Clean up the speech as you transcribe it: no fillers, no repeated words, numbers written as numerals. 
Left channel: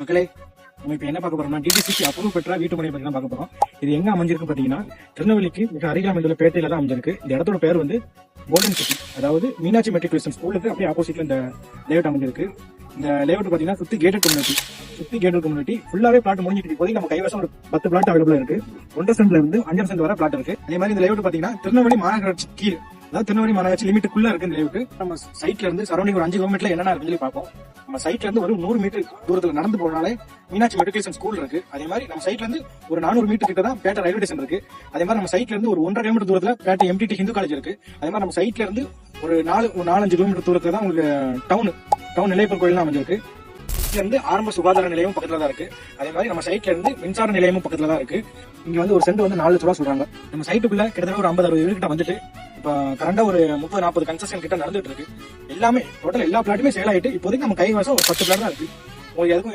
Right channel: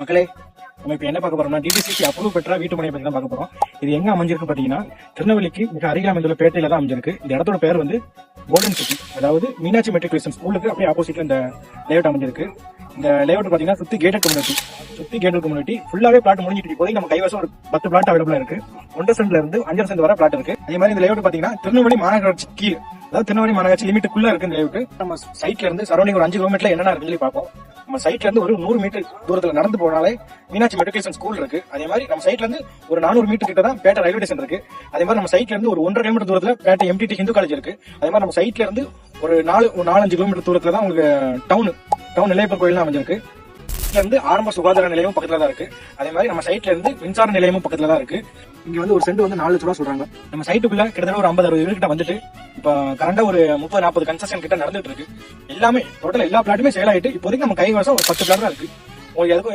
மக்களே, நம்ம இப்ப என்ன பார்க்க போறோம்னா டிடிசிக்கு அப்ரூவ் பெற்ற வீட்டு மனை பத்தி தான் பார்க்க போறோம். இது எங்க அமைஞ்சிருக்கு பாத்தீங்கன்னா திருநெல்வேலிக்கு மிக அருகில் அமைந்துள்ள பேட்டையில தான் அமைஞ்சிருக்கு. இந்த இடத்தோட பேர் வந்து கோல்டன் சிட்டி, அதாவது மீனாட்சி மெட்ரிகுலேஷன் ஸ்கூலுக்கு அப்படியே ஆப்போசிட்ல இந்த லேஅவுட் அமைஞ்சிருக்கு. இந்த லேஅவுட் பாத்தீங்கன்னா சுத்தி கேட்டட் கம்யூனிட்டி ஃபுல்லாவே பிளாட் முடிஞ்சிட்டு இப்போதைக்கு நம்ம கைவசம் ஒரு 10 பிளாட் அவைலபிளா இருக்கு. 1.5 சென்ட்ல இருந்து 5 சென்ட் வரை பிளாட் இருக்கு. அதே மாதிரி இந்த லேஅவுட் பாத்தீங்கன்னா திருநெல்வேலி மாநகராட்சி கீழ், அதாவது திருநெல்வேலி மாநகராட்சி லிமிட்டுக்குள்ள இருக்கு இந்த லேஅவுட். நம்ம சைட்ல இருந்து சரௌண்டிங் ஒரு 5 கிலோமீட்டர்ல என்னென்ன இருக்குன்னு சொல்லி பார்ப்போம். நம்ம சைட்ல இருந்து ஒரு 100 மீட்டர் தூரத்துல நடந்து போனாலே மீனாட்சி மெட்ரிகுலேஷன் ஸ்கூல் இருக்கு. அதே மாதிரி நம்ம சைட்ல இருந்து ஒரு 400 மீட்டர் கிட்ட தான் பேட்டை ரயில்வே ஸ்டேஷன் இருக்கு. அதே மாதிரி நம்ம சைட்ல இருந்து ஒரு 1.5 கிலோமீட்டர் தூரத்துல பேட்டை எம்டிடி ஹிந்து காலேஜ் இருக்கு. அதே மாதிரி நம்ம சைட்ல இருந்து ஒரு 4-5 கிலோமீட்டர் தூரத்துல தான் உங்களுக்கு டவுன் நிலையப்பர் கோயில் தான் அமைஞ்சிருக்கு. இருந்து ஆரம்ப சுகாதார நிலையமும் பக்கத்துல தான் இருக்கு. அதே மாதிரி நம்ம சைட்ல இருந்து மின்சார நிலையமும் பக்கத்துல தான் இருக்கு. இங்க வந்து ஒரு சென்ட் வந்து 4 லட்சம் ரூபா சொல்றாங்க. நம்ம சைட்டுக்குள்ள கிட்டத்தட்ட ஒரு 50-60 வீடு கிட்ட வந்துட்டு இப்ப கரண்டா ஒரு 30-40 கன்ஸ்ட்ரக்ஷன் கிட்ட நடந்துட்டு இருக்கு. எல்லாமே டோட்டல் எல்லா பிளாட்டுமே சேல் ஆயிட்டு இப்போதைக்கு நம்ம கைவசம் ஒரு 10 பிளாட் தான் இருக்கு. உங்களுக்கு எதுக்கும்